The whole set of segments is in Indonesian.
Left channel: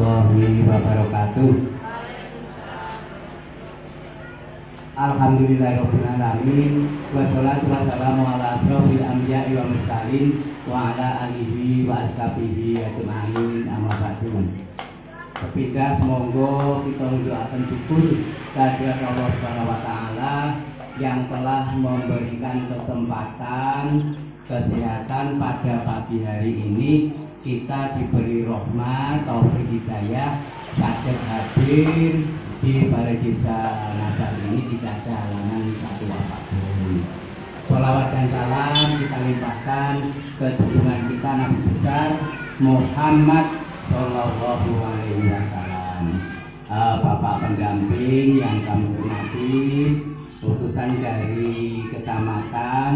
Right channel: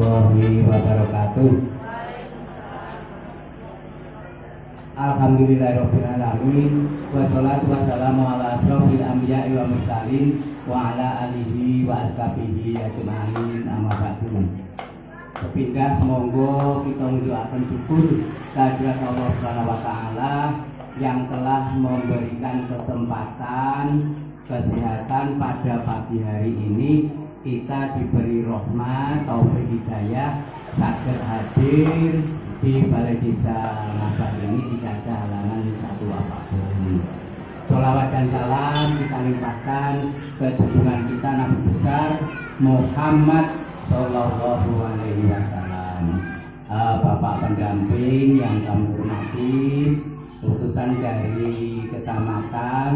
warahmatullahi wabarakatuh. Alhamdulillahirabbil alamin wassalatu wassalamu ala asrofil anbiya'i wa mursalin wa ala alihi wa ashabihi ajma'in amma ba'du. Ketiga, semoga kita mendoakan syukur kehadirat Allah Subhanahu wa taala yang telah memberikan kesempatan kesehatan pada pagi hari ini. Kita diberi rahmat, taufik hidayah, saged hadir di Balai Desa Ngadal ini tidak ada halangan satu apapun. Sholawat dan salam kita limpahkan ke junjungan kita Nabi besar Muhammad Sallallahu Alaihi Wasallam. Bapak pendamping yang kami hormati, utusan dari Kecamatan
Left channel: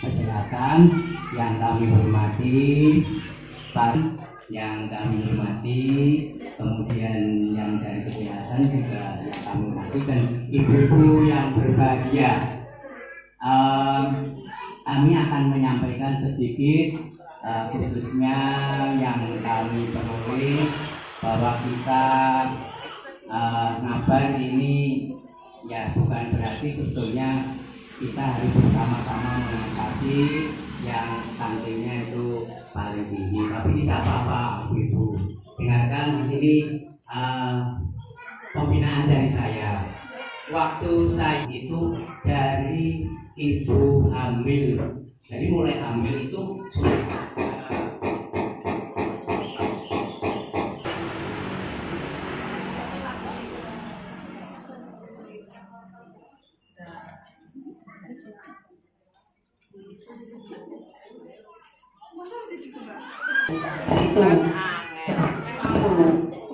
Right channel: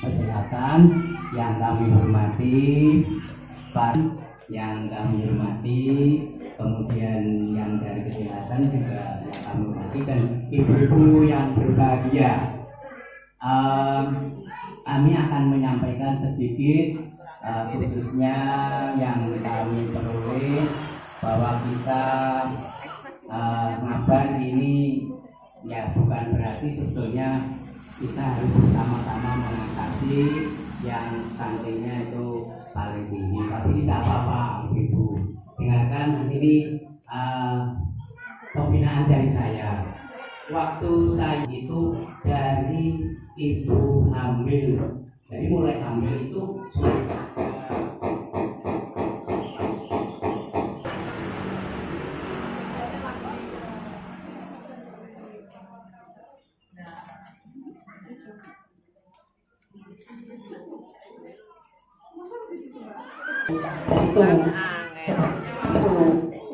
Kesehatan yang kami hormati, Pak yang kami hormati, kemudian yang dari kesehatan juga yang kami hormati, dan ibu-ibu yang berbahagia. Kami akan menyampaikan sedikit khususnya yang kami peroleh bahwa kita ngabar ini ya bukan berarti sebetulnya kita harus bersama-sama mengatasi yang stuntingnya itu paling tinggi, tapi tidak apa-apa ibu. Dengarkan di sini pembinaan dari saya. Waktu saya itu dari ibu hamil, jadi mulai hamil itu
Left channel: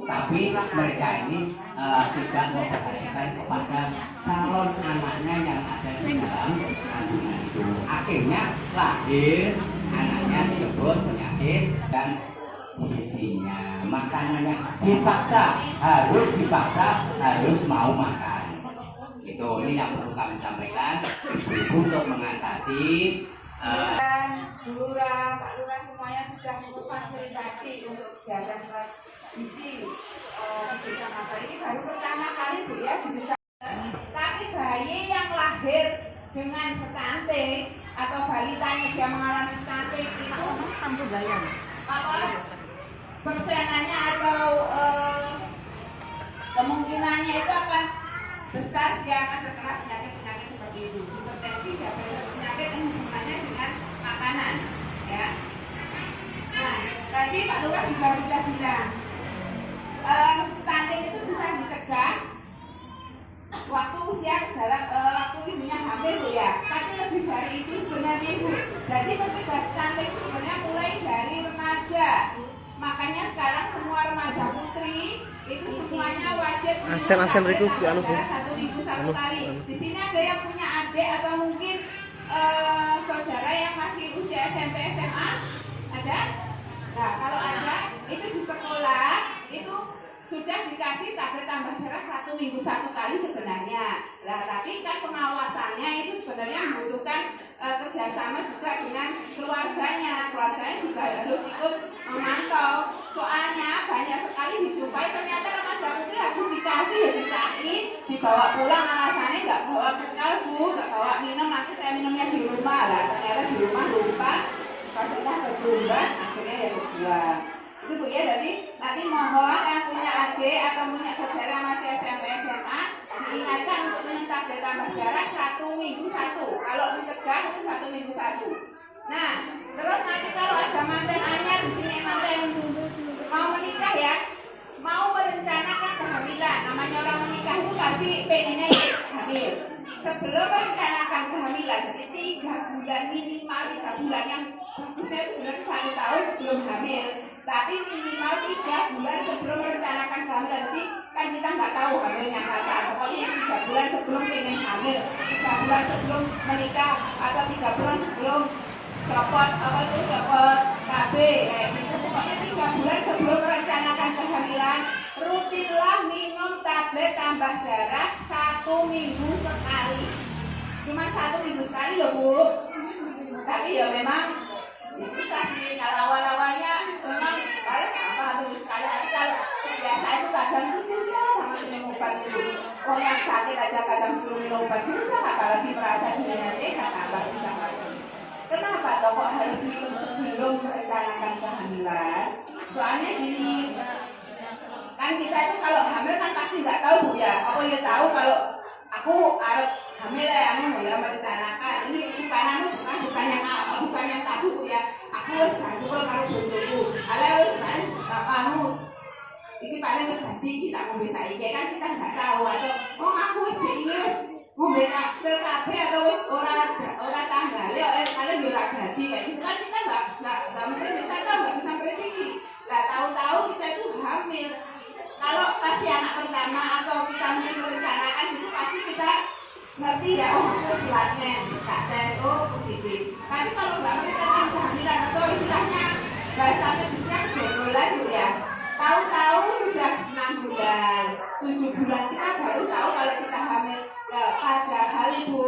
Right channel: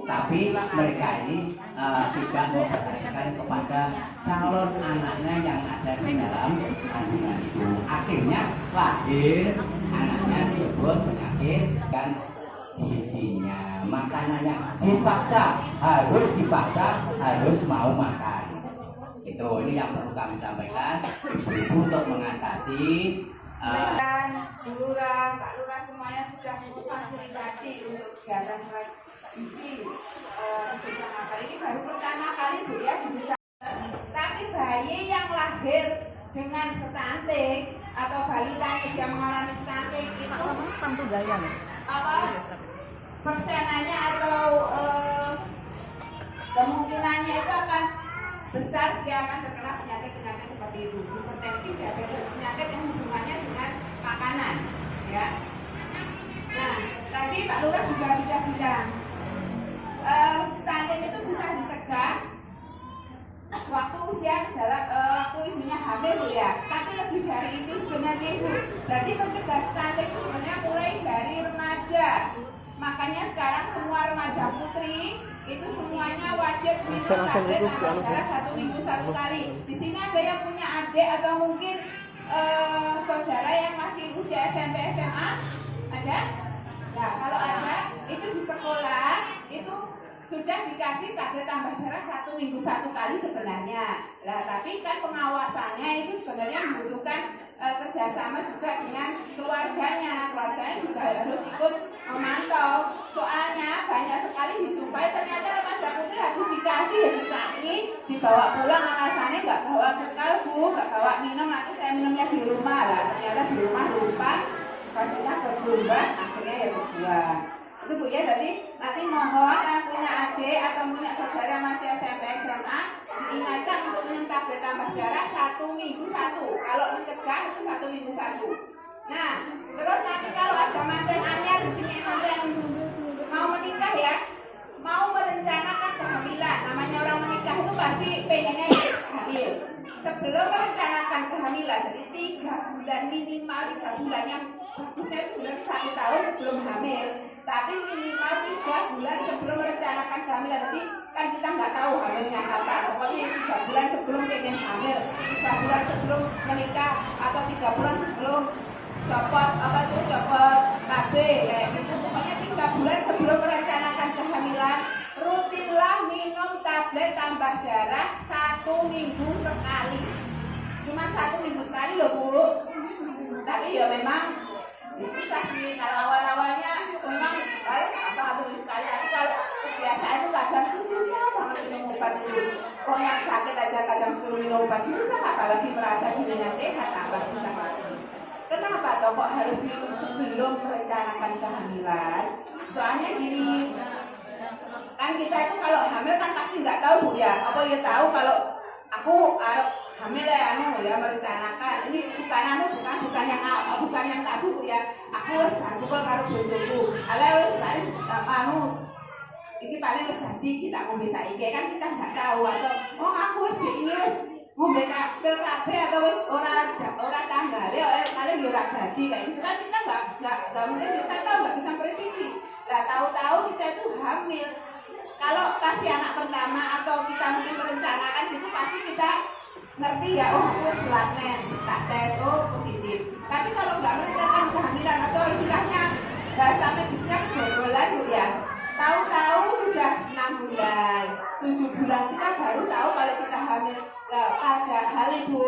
tapi mereka ini tidak memperhatikan kepada calon anaknya yang ada di dalam kandungan itu. Akhirnya lahir anaknya disebut penyakit dan isinya makanannya dipaksa harus mau makan. Itu ini yang perlu kami sampaikan untuk mengatasi. Lurah, Pak Lurah semuanya sudah memfasilitasi untuk jalan isi desa Ngadal ini baru pertama kali Bu ya di desa. Tapi bayi yang lahir dengan stunting atau balitanya dia mengalami stunting itu persenannya atau kemungkinannya itu akan besar dia akan terkena penyakit-penyakit seperti itu, hipertensi, diabetes, penyakit yang hubungannya dengan makanan, ya. Nah, tadi Pak Lurah juga sudah bilang, stunting itu bisa dicegah waktu usia waktu ibunya hamil, Bu ya. Tapi lebih dari itu sebenarnya Ibu. Jadi mencegah stunting itu sebenarnya mulai dari remaja. Makanya sekarang semua remaja putri itu semuanya wajib satu minggu satu kali. Di sini ada yang punya adik atau mungkin saudara yang masih usia SMP SMA, ada? Nah, kalau ada itu di sekolah itu sudah dikasih tablet tambah darah 1 minggu 1 kali sebenarnya. Nah, tapi kan pengawasannya itu sebenarnya membutuhkan kerjasama juga dengan keluarganya. Keluarganya juga harus ikut memantau. Soalnya banyak sekali dijumpai ternyata remaja putri habis dikasih ya dikasih, dibawa pulang alasannya nggak bawa bekal Bu, nggak bawa minum, nanti saya minumnya di rumah lah. Ternyata di rumah lupa, pastinya berbulan, akhirnya ya berbulan. Itu Bu ya, jadi nanti mohon yang punya adik atau punya saudara masih SMP SMA diingatkan untuk minum tablet tambah darah 1 minggu 1. Kalau dicegah itu 1 minggu 1. Nah, terus nanti kalau ada manten anyar di sini manten mau menikah ya, mau merencanakan kehamilan. Namanya orang menikah itu pasti pengennya hamil. Sebelum merencanakan kehamilan, jadi 3 bulan minimal 3 bulan yang bagusnya sebulan 1 tahun sebelum hamil. Tapi minimal 3 bulan sebelum merencanakan kehamilan. Nanti kan kita nggak tahu hamilnya kapan. Pokoknya yang 3 bulan sebelum pengen hamil, 3 bulan sebelum menikah, atau 3 bulan sebelum copot KB kayak gitu. Pokoknya 3 bulan sebelum merencanakan kehamilan, rutinlah minum tablet tambah darah 1 minggu sekali. Cuma 1 minggu sekali loh Bu. Tapi ya memang itu susah sih. Kalau awal-awalnya memang kalau apa habis sekali, kalau kadang tuh susah banget minum obat itu. Orang yang sakit aja kadang suruh minum obat susah, apalagi merasa dirinya sehat, apalagi susah lagi. Kenapa toh kok harus minum sebelum merencanakan kehamilan? Soalnya gini, kan kita itu kalau hamil kan pasti nggak tahu Bu ya. Aku ya tahu kalau aku harus hamil ya, ya merencanakan. Ini bukan yang tabu Bu ya. Aku harus kumpul karo bojoku. Ala wis kamu iki paling wis ganti kita ngombe saiki kan kita nggak tahu atau aku wis ini wis ngombe kabeh atau wis ora tanggale paling yo ora ganti kayak gitu kan kita nggak mungkin bisa tahu, nggak bisa prediksi. Lah tahu-tahu kita itu hamil. Kalau pasti anak pertama atau kita mungkin merencanakan itu pasti kita ngerti ya, oh selatnya tak tes, oh positif. Tapi kalau nggak merencanakan kehamilan atau istilahnya nggak sampai bisa kebobolan Bu ya. Tahu-tahu sudah 6 bulan, 7 bulan kita baru tahu kalau kita hamil. Padahal Ibu,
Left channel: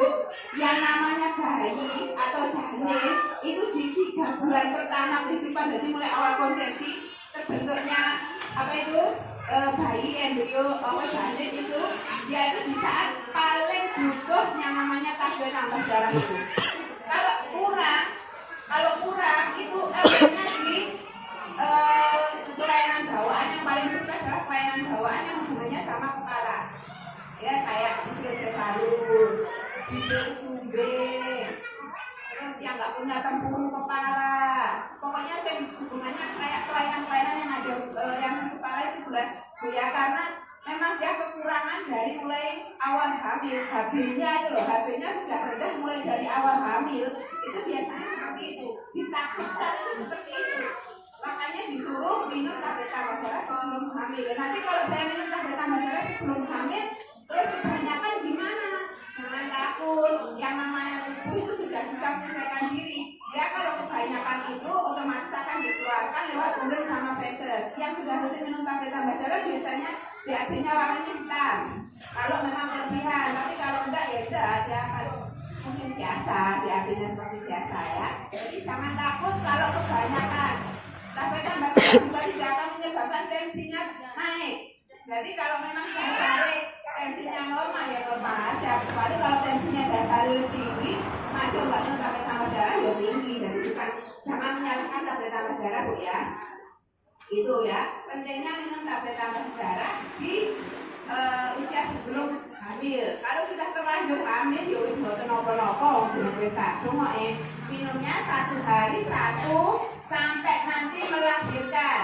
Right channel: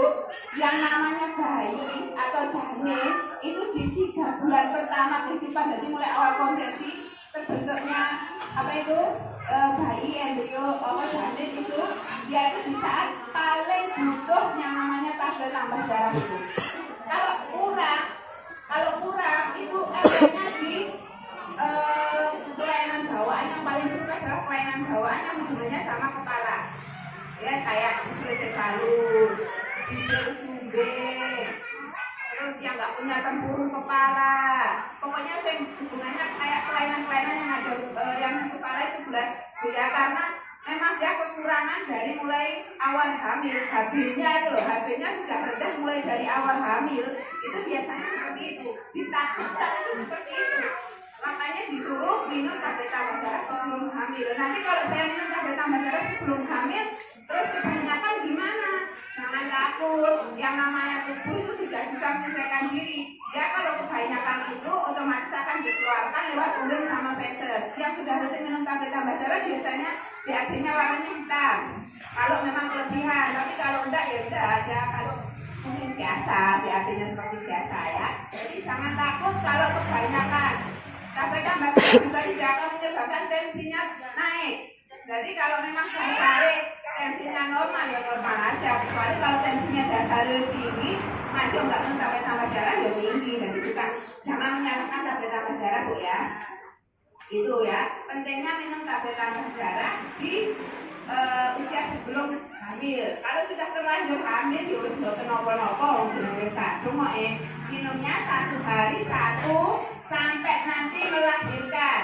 yang namanya bayi atau janin itu di 3 bulan pertama kehidupan, jadi mulai awal konsepsi terbentuknya apa itu bayi embrio janin itu dia itu di saat paling butuh yang namanya tablet tambah darah itu. Kalau kurang itu adanya di kelainan bawaan yang paling suka adalah kelainan bawaan yang hubungannya sama kepala. Ya kayak hidrosefalus, hidrosumbe, terus yang nggak punya tempurung kepala. Pokoknya hubungannya kayak kelainan-kelainan yang ada yang di kepala itu bulat. Ya karena memang dia kekurangan dari mulai awal hamil. HB-nya itu loh, HB-nya sudah rendah mulai dari awal hamil. Itu biasanya seperti itu. Ditakutkan itu seperti itu. Makanya disuruh minum tablet tambah darah sebelum hamil. Nanti kalau saya minum tablet tambah darah sebelum hamil, terus kebanyakan gimana? Jangan takut. Yang namanya tubuh itu sudah bisa menyesuaikan diri. Ya kalau kebanyakan itu otomatis akan dikeluarkan lewat urin sama feses. Yang sudah rutin minum tablet tambah darah biasanya BAB-nya warnanya hitam. Kalau memang kelebihan, tapi kalau enggak ya udah aja. Kalau mungkin biasa, BAB-nya seperti biasa ya. Jadi jangan takut kalau kebanyakan. Tablet tambah darah juga tidak akan menyebabkan tensinya naik. Jadi kalau memang dasarnya tensinya normal ya normal aja. Kecuali kalau tensinya dasarnya tinggi, masih enggak minum tablet tambah darah ya tinggi. Jadi bukan jangan menyalahkan tablet tambah darah Bu ya. Itu ya, pentingnya minum tablet tambah darah di usia sebelum hamil. Kalau sudah terlanjur hamil, ya harus mboten napa-napa wis minumnya 1 hari 1 sampai nanti melahirkan.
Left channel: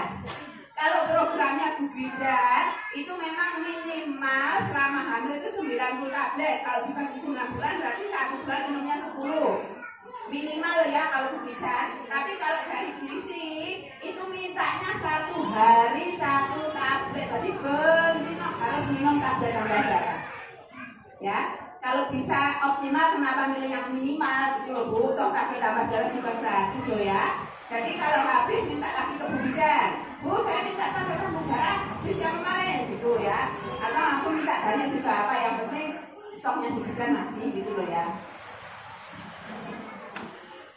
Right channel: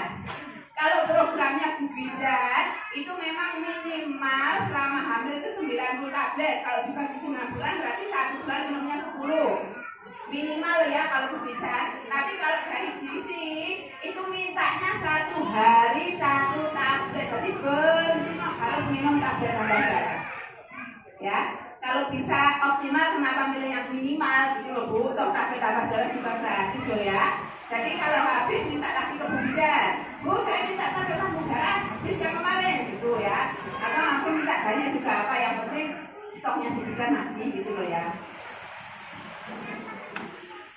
Kalau programnya Bu Bidan itu memang minimal selama hamil itu 90 tablet. Kalau dibagi 6 bulan berarti 1 bulan minumnya 10. Minimal ya kalau Bu Bidan. Tapi kalau dari gizi itu mintanya 1 hari 1 tablet. Jadi benar harus minum tablet tambah darah. Ya, kalau bisa optimal kenapa milih yang minimal gitu Bu. Toh tablet tambah darah juga gratis loh ya. Jadi kalau habis minta lagi ke Bu Bidan. Bu, saya minta tablet tambah darah habis yang kemarin gitu ya. Karena langsung minta banyak juga apa yang penting stoknya di Bidan masih gitu loh ya.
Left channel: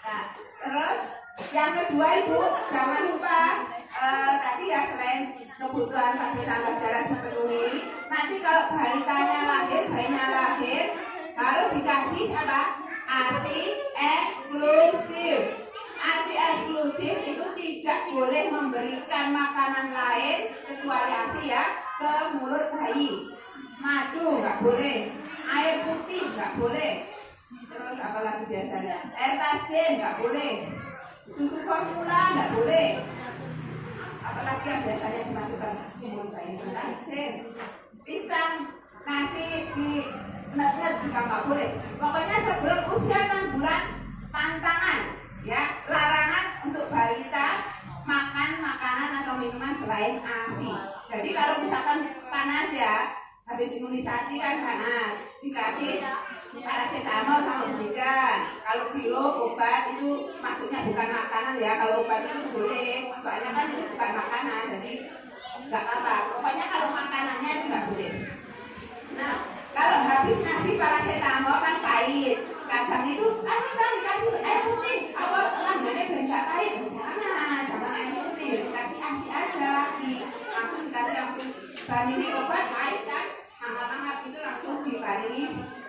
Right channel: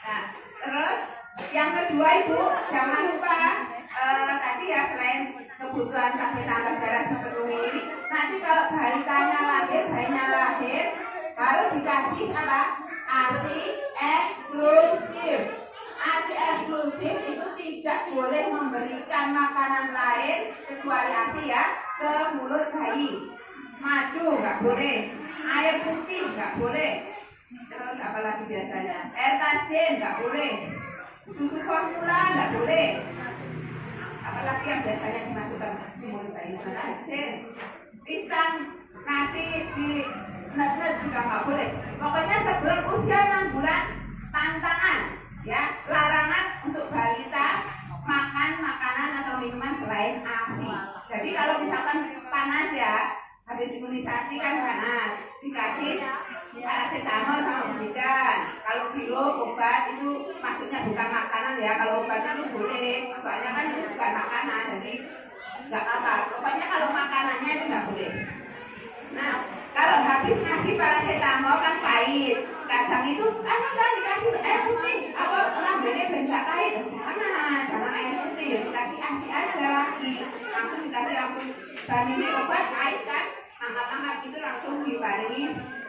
Nah, terus yang kedua Ibu jangan lupa tadi ya selain kebutuhan tablet tambah darah dipenuhi, nanti kalau bayinya lahir harus dikasih apa? ASI eksklusif. ASI eksklusif itu tidak boleh memberikan makanan lain kecuali ASI ya ke mulut bayi. Madu nggak boleh, air putih nggak boleh. Terus apa lagi biasanya? Air tajin nggak boleh, susu formula nggak boleh. Apalagi yang biasanya dimasukkan di mulut bayi tajin, pisang, nasi di net juga nggak boleh. Pokoknya sebelum usia 6 bulan pantangan, ya larangan untuk balita makan makanan atau minuman selain ASI. Jadi kalau misalkan panas ya, habis imunisasi kan panas, dikasih paracetamol sama Bidan. Kalau sirup obat itu maksudnya bukan makanan ya. Kalau obatnya itu boleh, soalnya kan itu bukan makanan, jadi nggak apa-apa. Pokoknya kalau makanannya itu nggak boleh. Nah, kalau habis ngasih paracetamol kan pahit. Kadang itu kan kita dikasih air putih, apa ini bensak pahit. Jangan itu ya dikasih asi aja lagi. Langsung dikasih langsung bandingi obat pahit kan. Hangat-hangat itu langsung dibarengi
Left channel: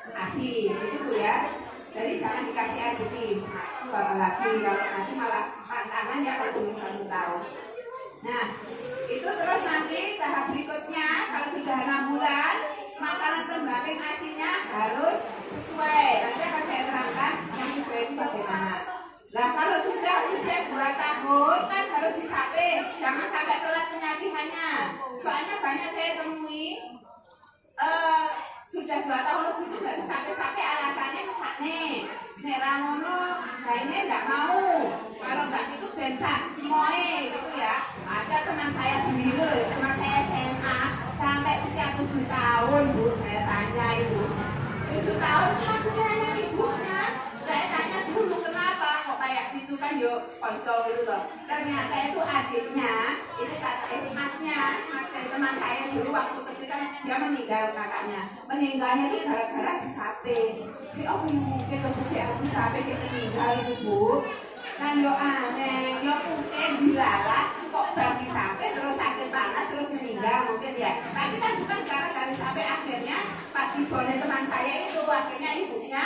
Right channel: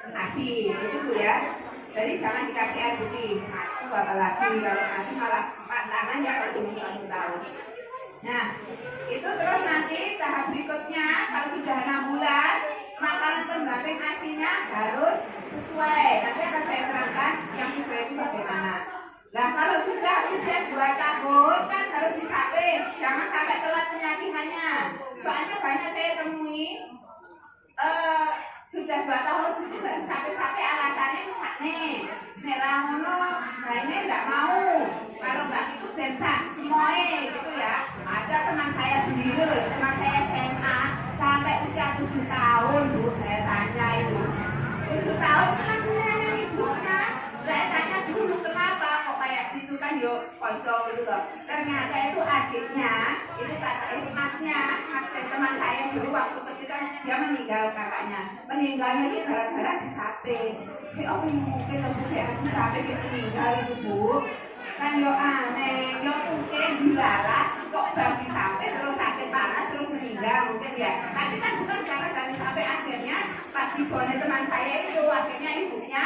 asi gitu Bu ya. Jadi jangan dikasih air putih. Apalagi kalau nanti malah pantangannya kalau belum 1 tahun. Nah, itu terus nanti tahap berikutnya kalau sudah 6 bulan makanan pendamping asinya harus sesuai. Nanti akan saya terangkan yang sesuai itu bagaimana. Nah, kalau sudah usia 2 tahun kan harus disapin, jangan sampai telat penyakitannya. Soalnya banyak saya temui sudah 2 tahun lebih juga sampai alasannya misalnya nek rangono bayinya nggak mau, kalau nggak itu bensak moe gitu ya. Ada teman saya sendiri, teman saya SMA sampai usia 7 tahun Bu, saya tanya itu 7 tahun langsung nanya ibunya. Saya tanya dulu kenapa kok kayak gitu kan yuk kontrol gitu loh. Ternyata itu adiknya, itu kata masnya teman saya dulu waktu ketika dia meninggal kakaknya. Meninggalnya itu gara-gara disapin. Oh mungkin kemudian disapin itu meninggal itu Bu. Kan yo aneh, yo mungkin dilalah kok baru disapin terus sakit panas terus meninggal mungkin ya. Tapi kan bukan gara-gara sampai akhirnya pas dibonin teman saya itu akhirnya ibunya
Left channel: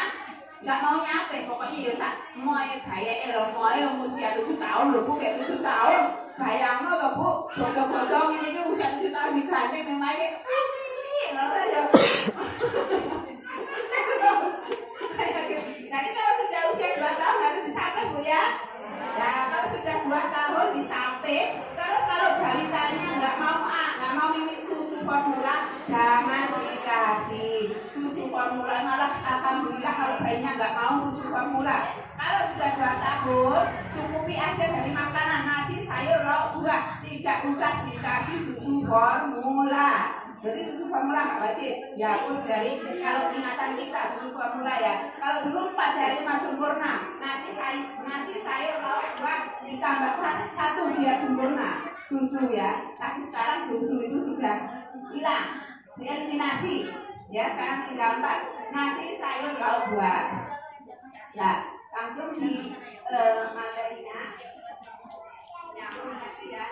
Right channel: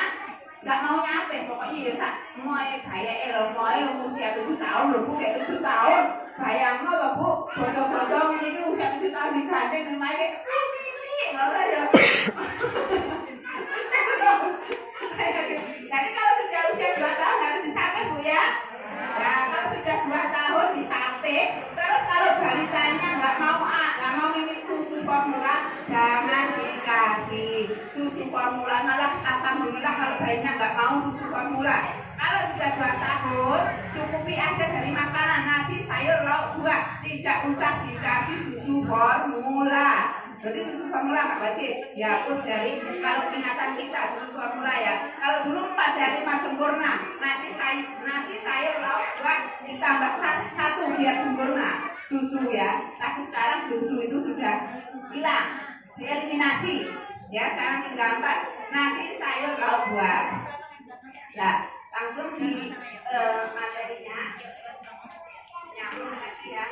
nggak mau nyapin, pokoknya ya sak mau kayak mau yang usia 7 tahun loh Bu, kayak 7 tahun bayang loh Bu, bodoh-bodoh ini usia 7 tahun digandeng sama dia ini malah ya. Jadi kalau sudah usia 2 tahun harus disapin Bu ya. Nah kalau sudah 2 tahun disapin, terus kalau balitanya nggak mau minum susu formula, jangan dikasih susu formula. Malah alhamdulillah kalau bayinya nggak mau susu formula. Kalau sudah 2 tahun, cukupi aja dari makanan nasi, sayur, lauk, buah, tidak usah dikasih susu formula. Jadi susu formula nggak wajib, dihapus dari kalau ingatan kita susu formula ya. Kalau dulu 4 hari sempurna, nasi sayur lauk buah ditambah 1 biar sempurna susu ya. Tapi sekarang susu itu sudah hilang, dieliminasi ya. Sekarang tinggal 4 nasi sayur lauk buah. Ya langsung di materinya nyambung lagi ya,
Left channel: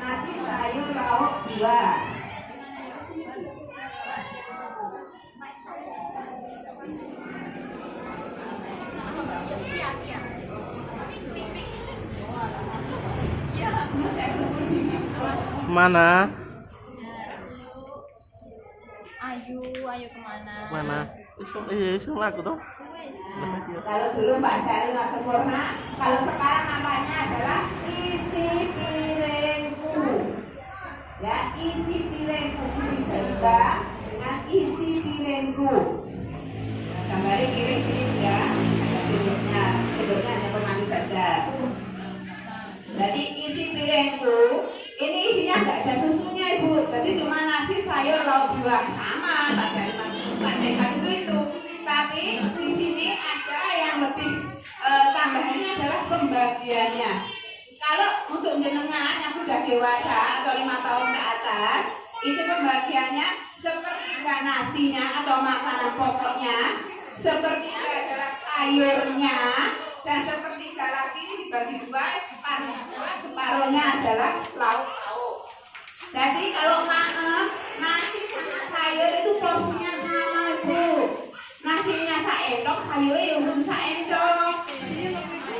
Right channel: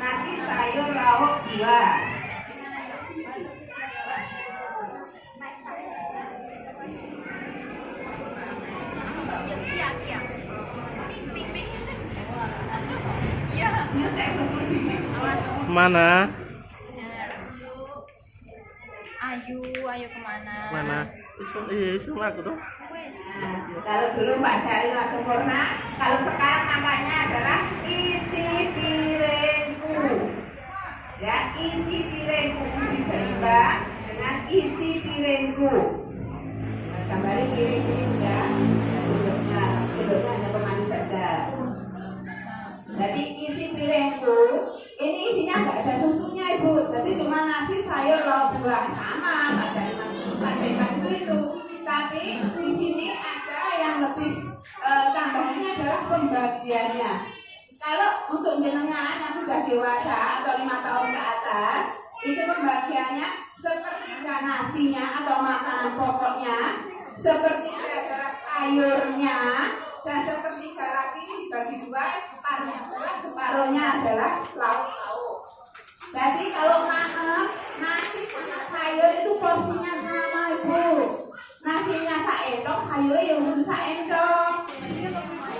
nasi sayur lauk buah. Mana? Ayo kemana? Mana? Isung aku tuh. Kalau dulu Mbak Jari sempurna, kalau sekarang namanya adalah isi piringku. Ya, isi piringku bisa diubah dengan isi piringku. Gambarnya kiri-kiri ya, bentuknya hanya bermanis saja. Jadi isi piringku, ini isinya nggak ada susunya Ibu, jadi cuma nasi sayur lauk buah sama, racikan itu. Tapi di sini ada yang lebih tambahannya adalah pembagiannya. Kalau untuk jenengan yang sudah dewasa atau 5 tahun ke atas, itu pembagiannya sepertiga nasinya atau makanan pokoknya, sepertiga adalah sayurnya, dan sepertiga lagi ini dibagi 2, separuhnya adalah lauk-lauk. Jadi kalau nasi sama sayur itu porsinya sama Ibu. Nasinya saendok, sayurnya belum saendok.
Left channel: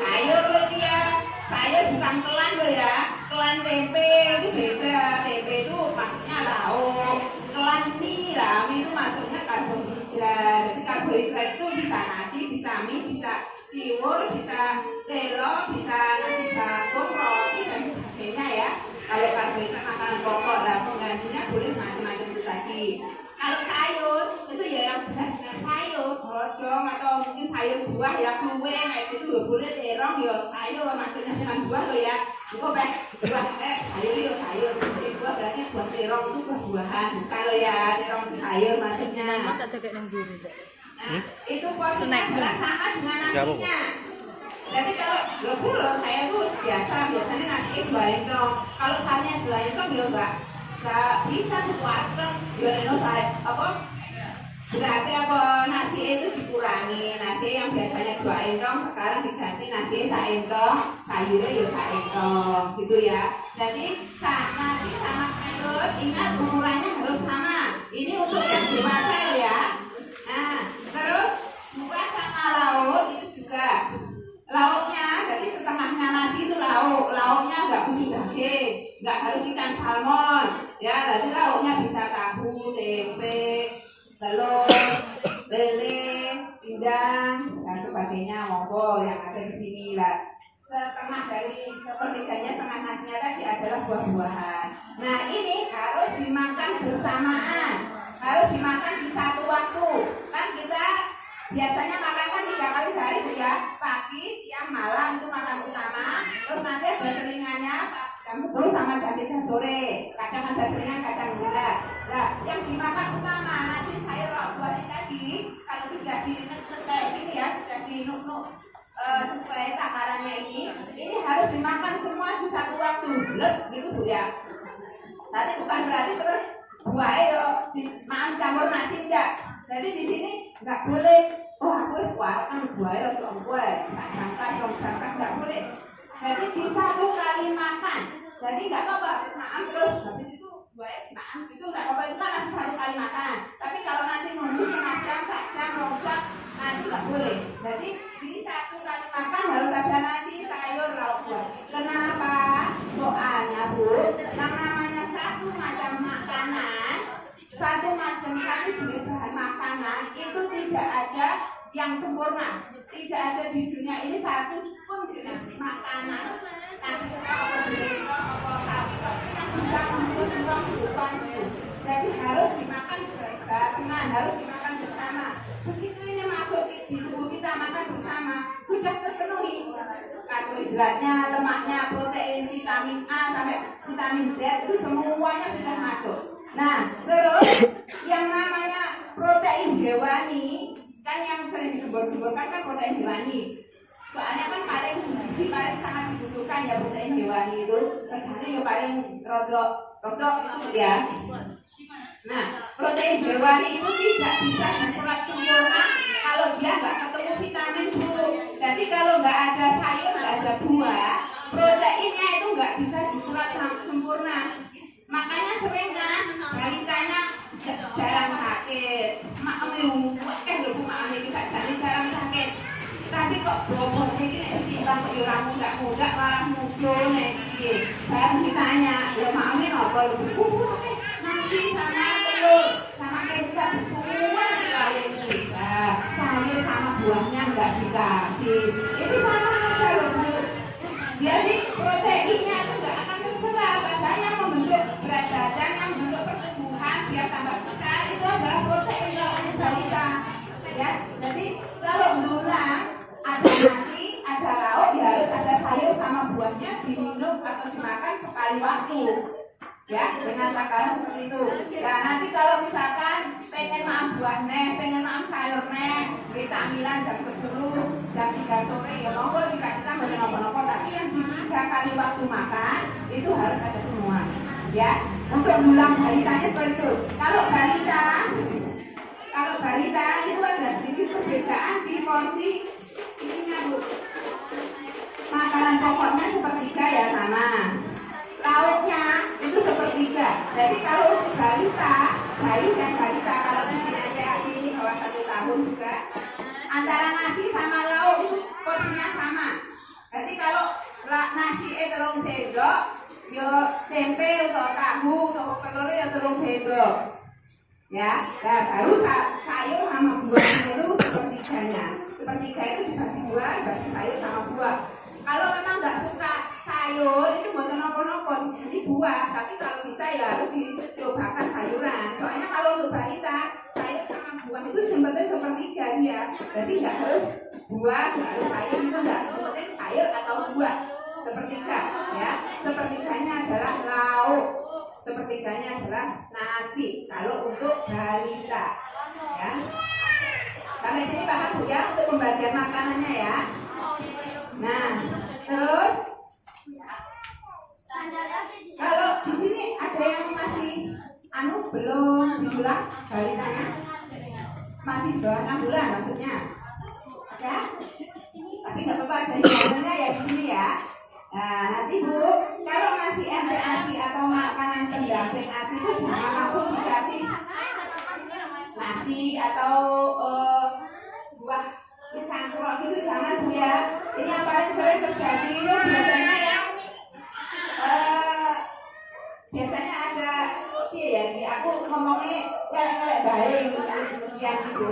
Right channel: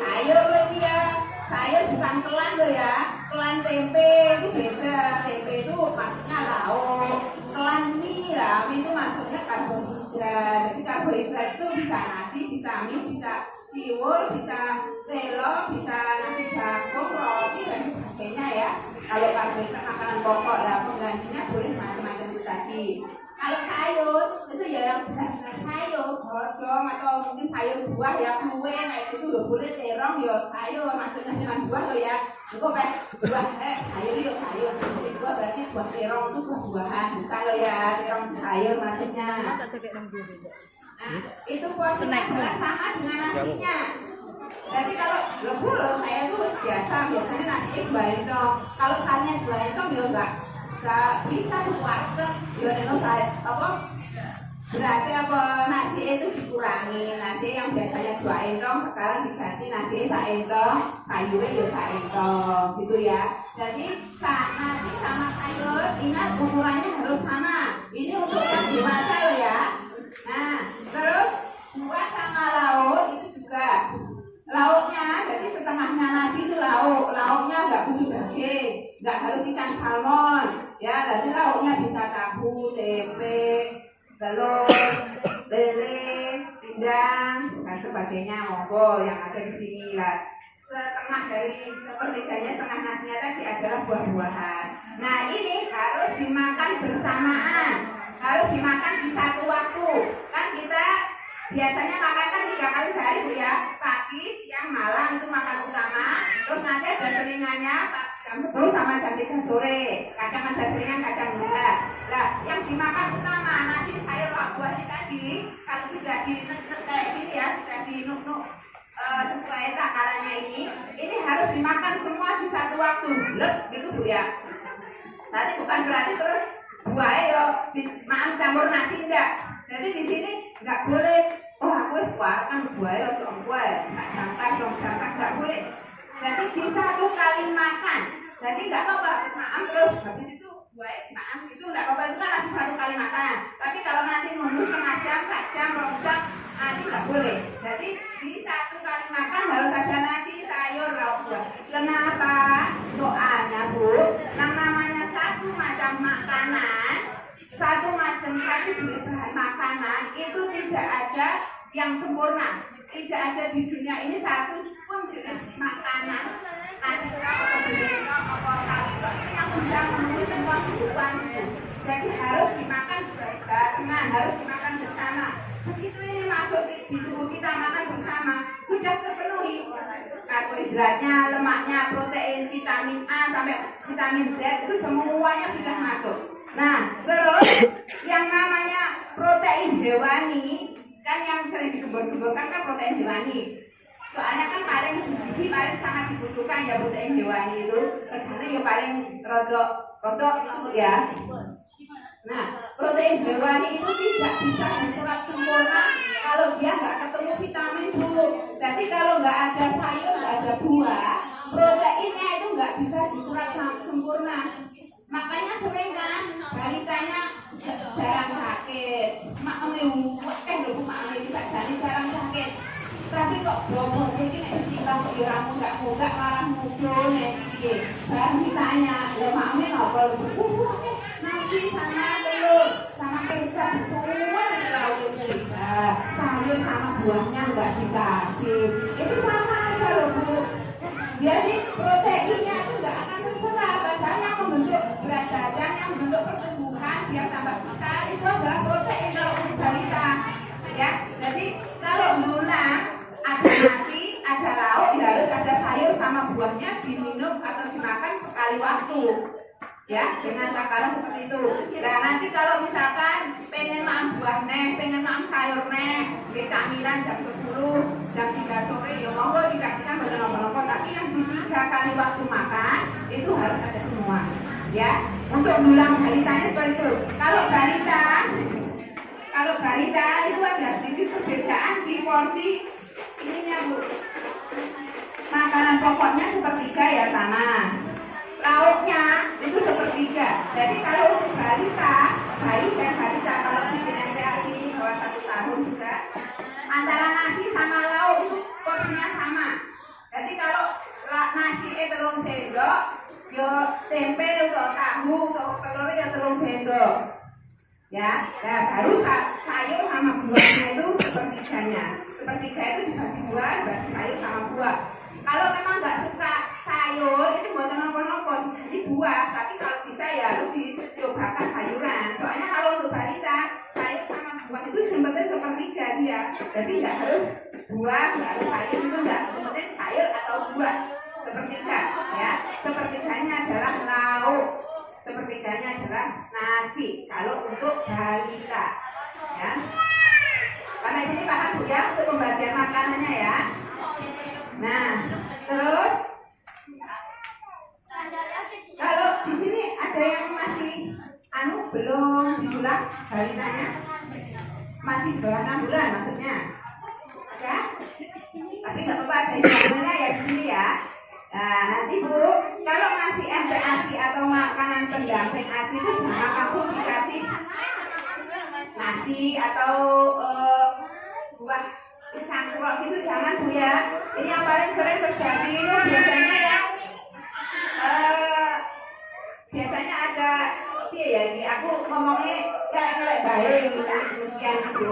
Sayur loh dia, sayur bukan kelan loh ya. Kelan tempe itu beda. Tempe itu maksudnya lauk. Kelan mie itu maksudnya karbohidrat. Jadi karbohidrat itu bisa nasi, bisa mie, bisa tiwul, bisa telur, bisa nasi jagung, roti dan sebagainya ya. Kalau karbohidrat makanan pokok lah, penggantinya boleh macam-macam lagi. Kalau sayur itu ya yang benar-benar sayur, godong atau mungkin sayur buah ya, kue kayak gitu ya boleh, terong ya sayur, maksudnya bukan buah loh ya. Buah sayur ya sayur. Jadi buah berarti buah terong itu buah-buahan. Kalau ya terong sayur maksudnya. Nah, itu porsinya sama dengan nasinya. Jadi kalau ya Bu, saya itu biasanya nasi itu kalau salnya 2 itu ya enggak bisa tuh warteg ya saya berarti apa nasi itu dikurangi, nasi yang biasanya 2 entong sekarang diganti nasi 1 entong, sayurnya ya 1 entong gitu ya. Jadi nasi sama sayur ingat ukurannya harus sama, ini untuk yang dewasa ya. Nah terus buah sama lauk itu juga, lauknya jadi setengahnya nasi itu lauknya nggak butuh daging, nggak harus ikan salmon ya. Jadi lauknya bisa tahu, tempe, telur, lele, pindang, dan sebagainya. Monggo yang ada di sini lah. Setengah dari sepertiganya, setengah nasinya tadi adalah buah-buahan. Nah ini harus dimakan bersamaan, harus dimakan di satu waktu. Kan kita biasanya makan kan 3 kali sehari Bu ya, pagi, siang, malam itu makan utama. Terus nanti ada selingannya jam 10 sama jam 3 sore. Kadang ada selingan, kadang enggak. Nah yang dimakan utama nasi sayur buahnya tadi, kalau sudah dinek-nek kayak gini ya, sudah dinuk-nuk sesuai takarannya ini harus dimakan semua di satu waktu. Lep gitu Bu ya. Tapi bukan berarti terus buahnya maaf campur nasi enggak. Jadi di sini enggak boleh. Oh aku kan buahnya lagi ongkue, tak jangka enggak boleh. Jadi di satu kali makan. Jadi enggak apa-apa habis makan terus habis itu buahnya dimakan gitu enggak apa-apa, itu kan masih 1 kali makan. Tapi kalau nanti nunggu setengah jam, 1 jam, 2 jam, itu enggak boleh. Jadi di 1 kali makan harus ada nasi, sayur, lauk buah. Kenapa? Soalnya Bu, yang namanya satu macam makanan, satu macam kali jenis bahan makanan itu tidak ada yang sempurna. Tidak ada di dunia ini satu pun jenis makanan nasi apa sapi yang bisa memenuhi semua kebutuhan itu. Jadi harus dimakan bersama, harus dimakan bersama. Begitu ini masuk di tubuh kita makan bersama, sudah terpenuhi karbohidratnya, lemaknya, protein, vitamin A sampai vitamin Z itu semuanya sudah masuk. Nah, terus yang namanya protein hewani kan yang sering digembor-gemborkan kan protein hewani. Soalnya kan paling gizi paling sangat dibutuhkan ya protein hewani itu. Karena ya paling rodok ya. Nah, protein hewani itu tidak bisa diserap sempurna kalau dia nggak ketemu vitamin B. Jadi kalau nggak ada sayur, nggak ada buah, proteinnya itu nggak bisa diserap sempurna. Makanya sering kan balitanya jarang sakit. Makmu, kita jarang sakit. Tapi kok bobot ini timbang orang muda malah muncul nih. Saya ditanya, ya mami apa lu? Nasi sama telur sama kecap semua sekali. Sayur sama buahnya nggak dikasih. Itu sama aja loh Bu. Jadi proteinnya itu nggak akan terserap. Padahal yang membentuk berat badan, yang membentuk pertumbuhan biar tambah besar itu adalah protein kalau untuk balita. Ya, jadi kalau berulang ada nasi, ada lauk, ya harus ada sayur sama buahnya diminum atau dimakan sekali waktu. Ya, dengan takaran seperti itu. Nah, nanti kalau misalkan pengen makan buah neh, pengen makan sayur neh, camilan jam 10, jam 3 sore, ya monggo dikasihkan beberapa. Tapi yang di 3 kali waktu makan itu harus ada semua. Ya, untuk bilang balitanya seperti itu. Kalau balita itu ada sedikit perbedaan di porsi ininya Bu. Makanan pokoknya sepertiga ya sama. Lauknya itu sepertiga. Jadi kalau untuk balita, bayi dan balita kalau usianya ini bawah 1 tahun juga, antara nasi sama lauk itu porsinya sama. Jadi kalau nasi telung sendok, yo tempe atau tahu atau telur ya telung sendok. Ya, baru sayur sama buahnya itu sepertiganya. Sepertiga itu dibagi 2, bagi sayur sama buah. Kalau memang nggak suka sayur itu buat nopo-nopo diganti buah, tapi kalau bisa ya harus dicobakan sayuran. Soalnya kalau untuk balita sayur sama buah itu sebetulnya sepertiga dia, jadi nggak harus buah, nggak harus sayur itu nggak, penting sayur atau buah sepertiga. Ya, sepertiganya adalah lauk, sepertiganya adalah nasi. Kalau untuk balita, ya. Sampai sini paham Bu ya untuk pembagian makanannya ya. Nah, terus kalau di sini ada yang masih belum diulang balitanya. masih bawah 6 bulan maksudnya. Ya? Tapi nggak apa-apa, dari mana ya di sini ya. Nah, nanti Bu, kalau masih ada ASI atau makanan pendamping ASI itu jangan langsung dikasih nasi atau buah pisang kerok gitu, jangan Bu ya. Ini yang paling sering terjadi itu biasanya ya, biasanya ada ya, ini aku ngomongnya kelek-kelek baik yang itu.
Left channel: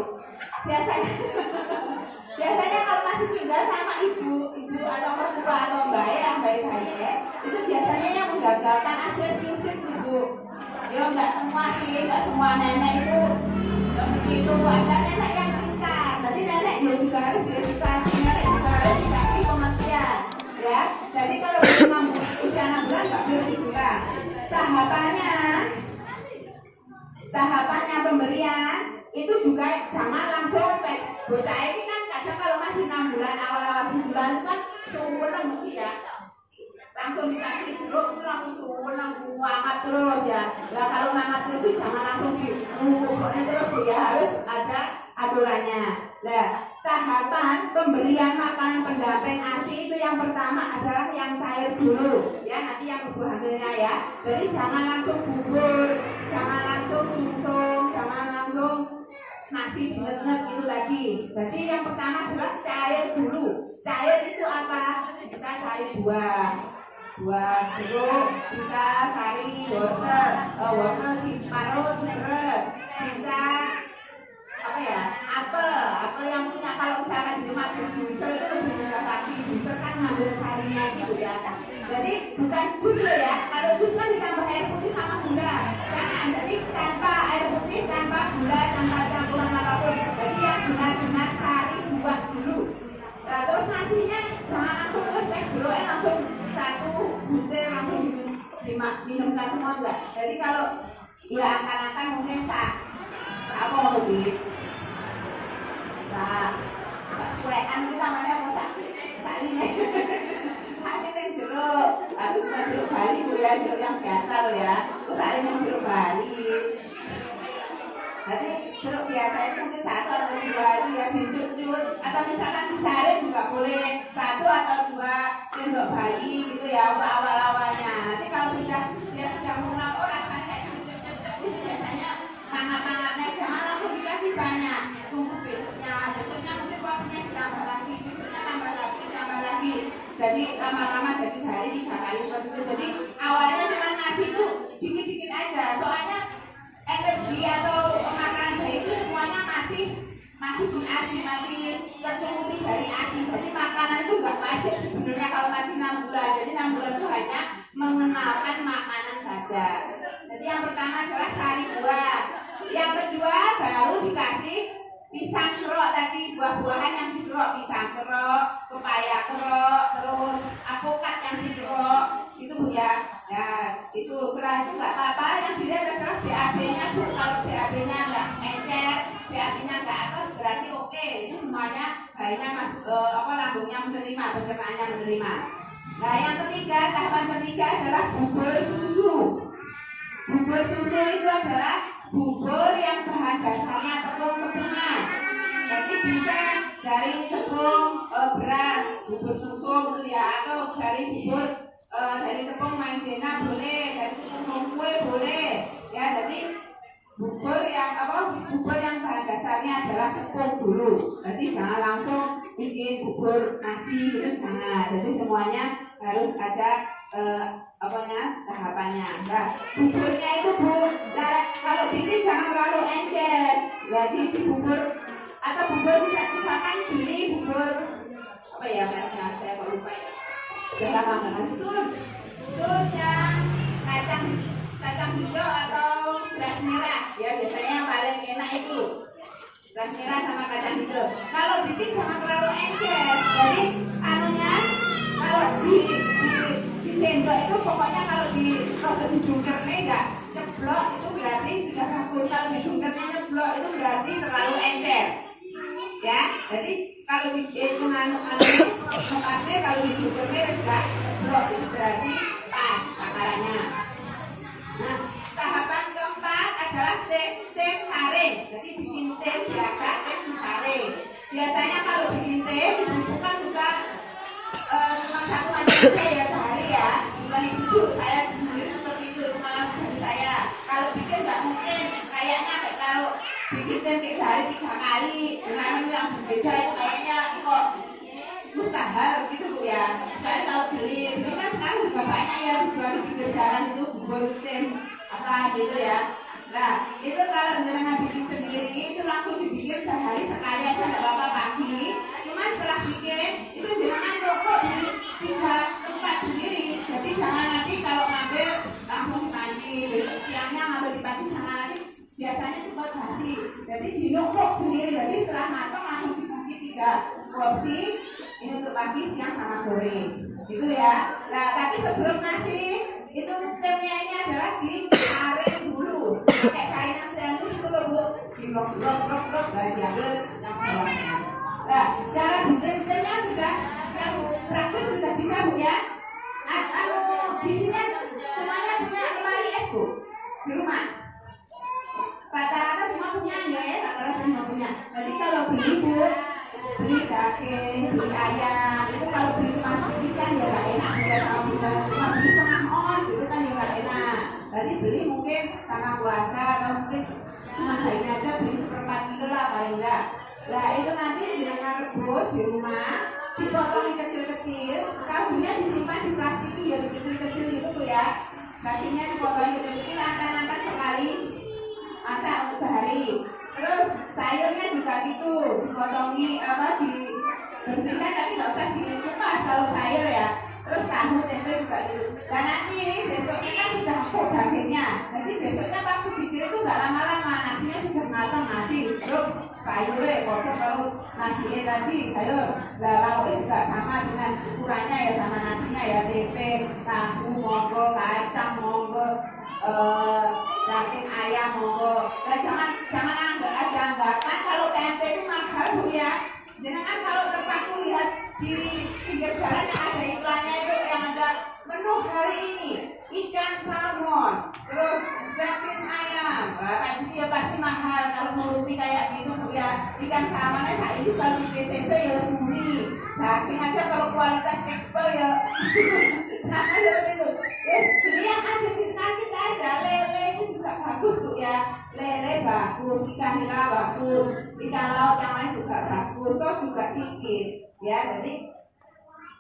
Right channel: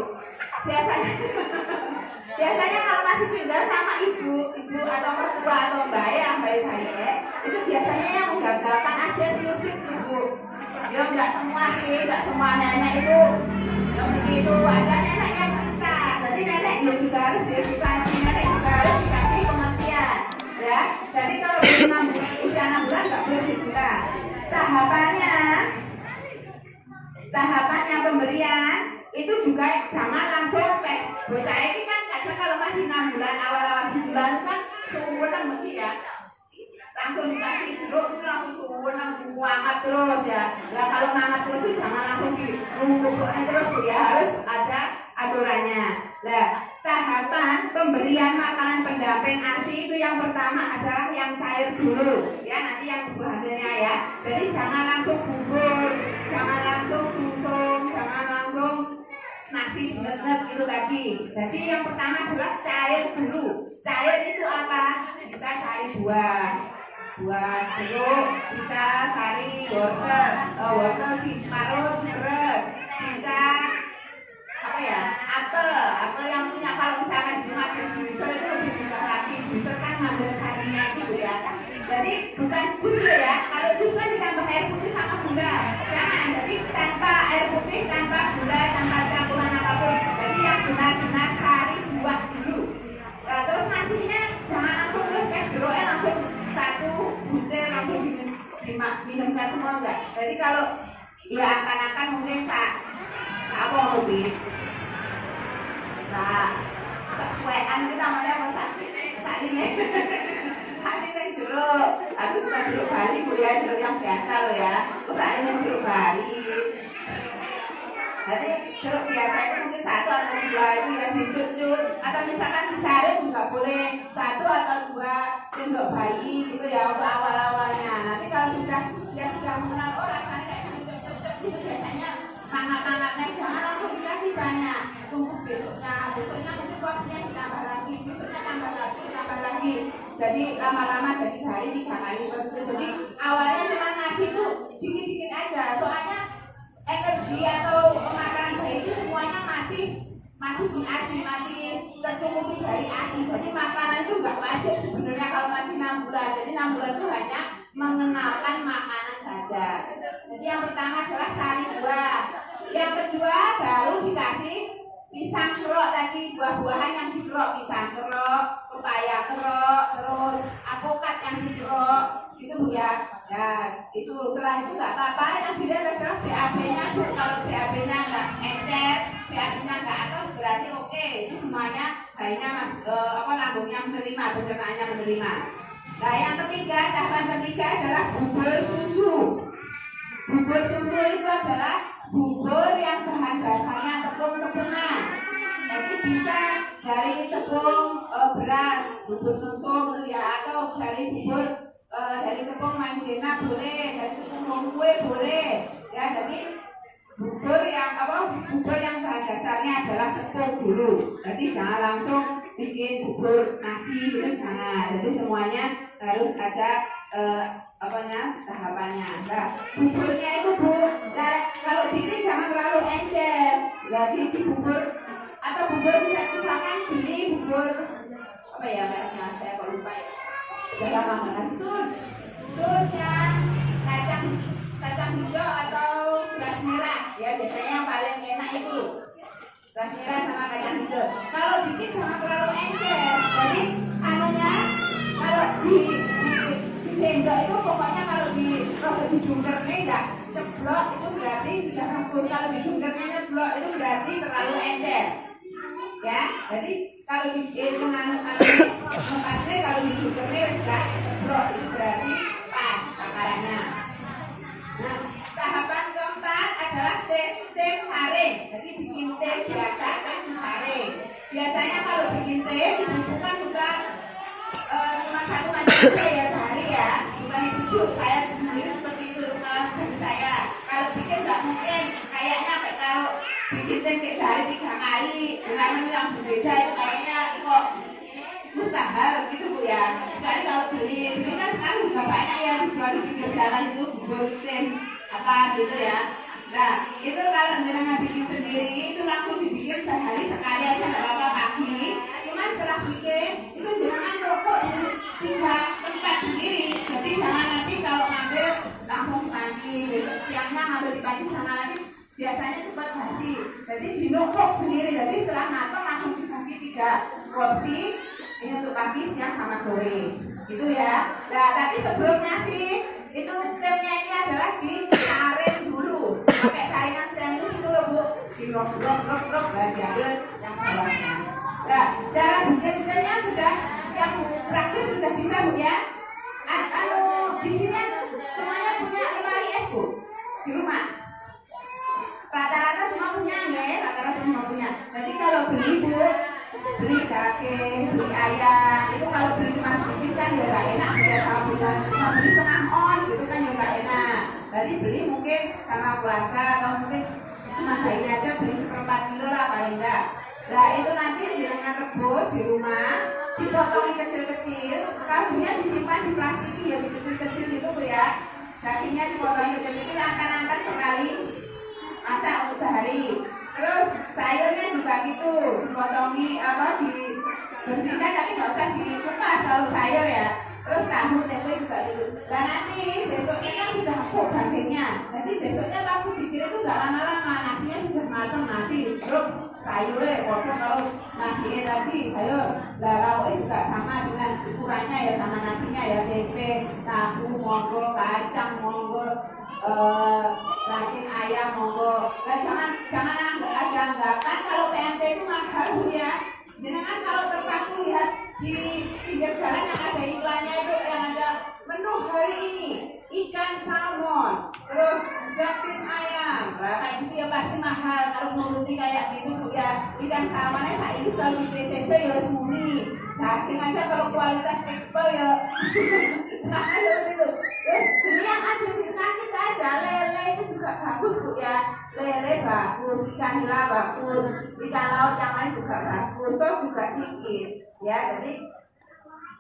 Biasanya kalau masih tinggal sama ibu atau mertua atau mbak yang baik-baik ya, itu biasanya yang menggagalkan ASI eksklusif ibu. Ya nggak semua sih, nggak semua nenek itu begitu. Ada nenek yang tingkat, jadi nenek dia juga harus diedukasi, nenek juga harus dikasih pengertian, ya. Jadi kalau usia 6 bulan nggak boleh dibuka. Tahapannya pemberian itu juga jangan langsung bocah ini kan kadang kalau masih 6 bulan awal-awal bulan kan suwenang mesti ya, langsung dikasih jeruk itu langsung suwenang hangat terus ya. Nah kalau hangat terus itu jangan langsung dirumpukkan terus ya, harus ada aturannya. Nah tahapan pemberian makanan pendamping ASI itu yang pertama adalah yang cair dulu ya, nanti yang ibu hamilnya ya. Jadi jangan langsung bubur, jangan langsung sumsum, jangan langsung nasi net itu tadi. Jadi yang pertama adalah cair dulu. Cair itu apa? Bisa sari buah jeruk, bisa sari wortel diparut beres, bisa apa ya, apel yang punya, kalau misalkan di rumah juicer itu lebih mudah lagi. Juicer kan ngambil sarinya itu ya. Jadi bukan jus ya, kalau jus kan ditambah air putih sama gula, jangan. Jadi tanpa air putih, tanpa gula, tanpa campuran apapun. Jadi yang benar-benar sari buah dulu. Terus nasinya jangan langsung jeruknya langsung satu butir langsung diminumkan semua enggak. Jadi kalau ya akan-akan mungkin apa lebih sesuaian itu namanya masak ini yang jeruk, tapi bukan jeruk bali Bu ya, jeruk yang biasa loh ya. Ini jeruk bali. Jadi jeruk biasa itu mungkin 1 atau 2 itu ya dicucur, atau misalkan disaring juga boleh 1 atau 2 sendok bayi gitu ya untuk awal-awalnya. Nanti kalau dia sudah mengenal rasanya kayak cocok-cocok itu biasanya hangat-hangatnya jangan langsung dikasih banyak. Tunggu besoknya mungkin porsinya ditambah lagi, besoknya tambah lagi. Jadi lama-lama jadi sehari 3 kali gitu. Jadi awalnya cuma nasi itu dikit-dikit aja, soalnya energi atau makanan bayi itu semuanya masih di ASI, masih tercukupi dari ASI. Jadi makanan itu nggak wajib sebenarnya kalau masih 6 bulan. Jadi 6 bulan itu hanya mengenalkan makanan saja. Jadi yang pertama adalah sari buah, yang kedua baru dikasih pisang kerok tadi, buah-buahan yang dikerok, pisang kerok, pepaya kerok, terus apokat yang dikerok itu Bu ya. Nah itu setelah itu nggak apa-apa, yang dilihat adalah BAB-nya Bu. Kalau BAB-nya nggak encer, BAB-nya nggak atas, berarti oke. Itu semuanya bayinya lambungnya menerima, pencernaannya menerima. Nah yang ketiga, tahapan ketiga adalah bubur susu. Bubur susu itu adalah bubur yang bahan dasarnya tepung-tepungan. Jadi bisa dari tepung beras, bubur susu itu ya, atau dari bubur dari tepung maizena boleh, dari tepung kue boleh. Ya, jadi bubur yang bahan dasarnya adalah tepung dulu. Jadi jangan langsung bikin bubur nasi gitu, jangan. Jadi semuanya harus ada tahapannya. Nah, buburnya itu Bu, kalau bikin jangan terlalu encer. Jadi di bubur atau bubur misalkan beli bubur apa ya mereknya, saya kok lupa ya. Jangan banget sun yang kacang hijau atau beras merah ya, biasanya yang paling enak itu beras merah sama kacang hijau. Kalau bikin jangan terlalu encer. Jadi kalau di sendok itu pokoknya kalau dijungkernya enggak ceplok itu berarti sudah bagus. Kalau dijungkernya ceplok itu berarti terlalu encer. Ya, jadi kalau mengandung kalau dijungkernya enggak ceplok itu berarti pas takarannya. Nah, tahapan keempat adalah tim saring. Jadi bikin tim biasa, tim saya sehari ya, bukan itu saya sendiri seperti itu malah dari saya. Kalau bikin nggak mungkin, kayaknya kalau bikin tempe sehari 3 kali dengan menu yang berbeda itu kayaknya kok mustahil gitu Bu ya. Sekali kalau beli kan sekarang juga banyak yang jual di pinggir jalan itu bubur apa gitu ya. Nah itu kalau jenengan bikin sendiri itu langsung dibikin sehari sekali aja nggak apa-apa pagi. Cuma setelah bikin itu jenengan rokok di tempat sendiri. Jadi jangan nanti kalau ngambil langsung mandi, besok siangnya ngambil di pagi sama nanti biasanya cepat basi. Jadi dinumpuk sendiri. Jadi setelah matang langsung dibagi 3 porsi. Ini untuk pagi, siang, sama sore. Gitu ya. Nah tapi sebelum nasi itu temnya ini adalah disaring dulu. Pakai cairan stainless itu loh Bu. Dirok-rok dan diambil yang bawahnya. Nah, cara bikinnya sudah yang praktis sudah bisa Bu ya. Di sini semuanya punya lemari es Bu di rumah. Rata-rata semua punya ya, rata-rata semua punya. Jadi kalau beli Bu, beli daging, beli ayam, itu kalau beli cuma sedikit kan ya nggak enak ya sama bisa cuma beli setengah on gitu kan ya nggak enak. Jadi beli mungkin sama keluarga atau mungkin cuma bayi aja beli 1/4 kilo lah paling enggak. Nah itu nanti dengan rebus di rumah, dipotong kecil-kecil, kaldunya disimpan di plastik ya kecil-kecil gitu Bu ya. Dagingnya dipotong kecil-kecil, angkat-angkat sekali, masak untuk sehari. Terus sayurnya juga gitu, dipotongi dibersihkan tapi nggak usah dikupas kalau sayur ya. Terus tahu tempe juga dulu. Dan nanti besoknya kan sudah empuk dagingnya. Jadi besoknya pas bikin itu nggak lama-lama, nasinya sudah matang nasi. Terus sayurnya potong kalau nasinya tadi sayur. Nah lauknya juga sama dengan ukurannya ya sama nasinya ya tempe, tahu monggo, kacang monggo. Daging ayam monggo. Nah, jangan anggakan kalau tempe itu mahal Bu ya. Jangan kalau terpaku lihat di pinggir jalan yang ada iklannya itu yang ada menu hari ini ikan salmon, terus daging ayam. Nah, kayak gitu ya pasti mahal kalau nuruti kayak gitu Bu ya. Ikan salmonnya saat ini kalau di PCC ya suri. Daging aja kalau kualitas ekspor ya. Nah, ada begitu. Jadi yang ada di kita aja lele itu juga bagus Bu ya. Lele bagus, ikan nila bagus, ikan laut yang lain juga bagus, toh juga dikit ya. Jadi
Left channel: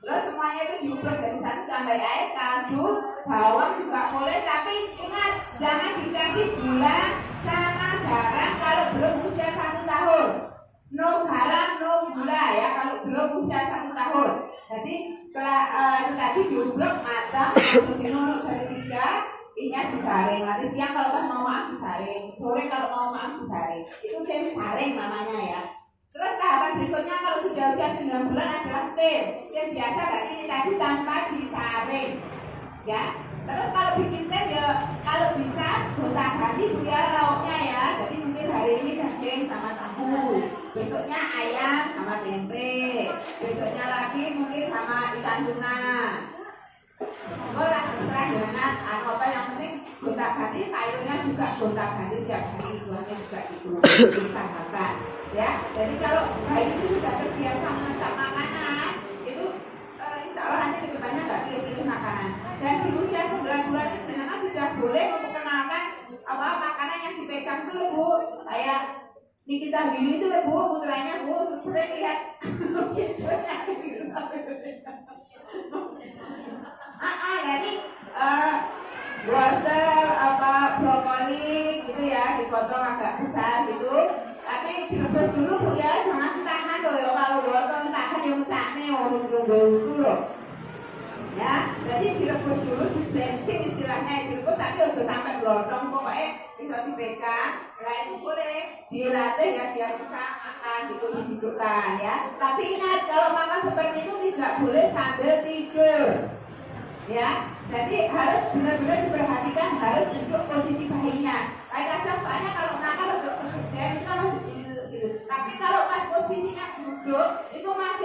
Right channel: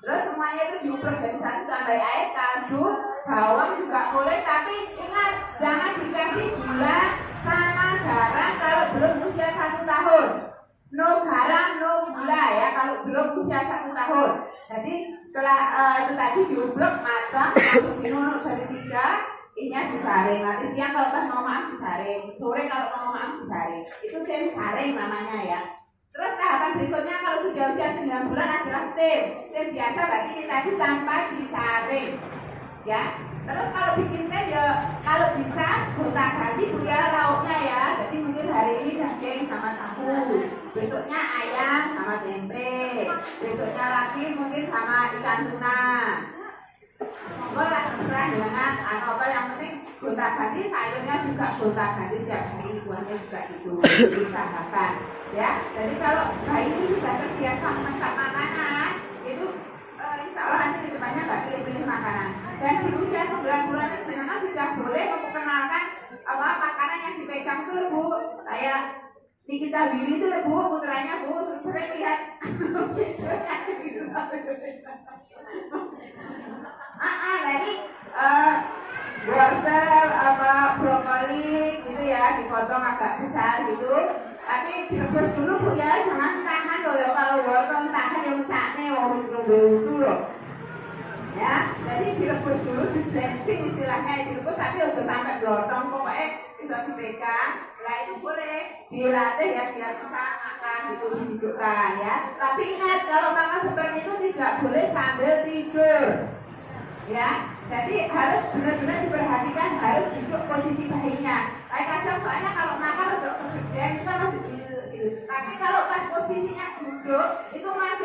terus semuanya itu diukur jadi satu tambah air, kaldu, bawang juga boleh, tapi ingat jangan dikasih gula sama garam kalau belum usia 1 tahun. No garam, no gula ya kalau belum usia 1 tahun. Jadi setelah itu tadi diublek matang, diminum jadi 3. Ini disaring, nanti siang kalau pas mau maaf disaring, sore kalau mau maaf disaring. Itu tim saring namanya ya. Terus tahapan berikutnya kalau sudah usia 9 bulan adalah tim biasa berarti ini tadi tanpa disaring ya. Terus kalau bikin tim ya kalau bisa gonta ganti juga lauknya ya. Jadi mungkin hari ini daging sama tahu, besoknya ayam sama tempe, besoknya lagi mungkin sama ikan tuna. Monggo lah terserah dengan apa yang penting gonta ganti, sayurnya juga gonta ganti setiap hari, buahnya juga itu diusahakan ya. Jadi kalau bayi itu sudah terbiasa masak makanan itu insya Allah nanti kedepannya nggak pilih makanan. Dan di usia 9 bulan jenengan sudah boleh memperkenalkan apa makanan yang dipegang tuh Bu. Kayak Nikita Willy itu Bu, putranya Bu, sering lihat nanti wortel apa brokoli gitu ya dipotong agak besar gitu, tapi direbus dulu Bu ya, jangan tahan loh ya. Kalau wortel tahan yang sakne orang dulu loh ya. Jadi direbus dulu, di blending istilahnya direbus, tapi udah sampai blotong pokoknya bisa dipegang. Nah itu boleh dilatih ya biar bisa makan gitu, didudukkan ya. Tapi ingat kalau makan seperti itu tidak boleh sambil tidur ya. Jadi harus benar-benar diperhatikan, harus duduk posisi bayinya. Kadang soalnya kalau makan untuk kemudian kita masih gitu. Tapi kalau pas posisinya duduk itu masih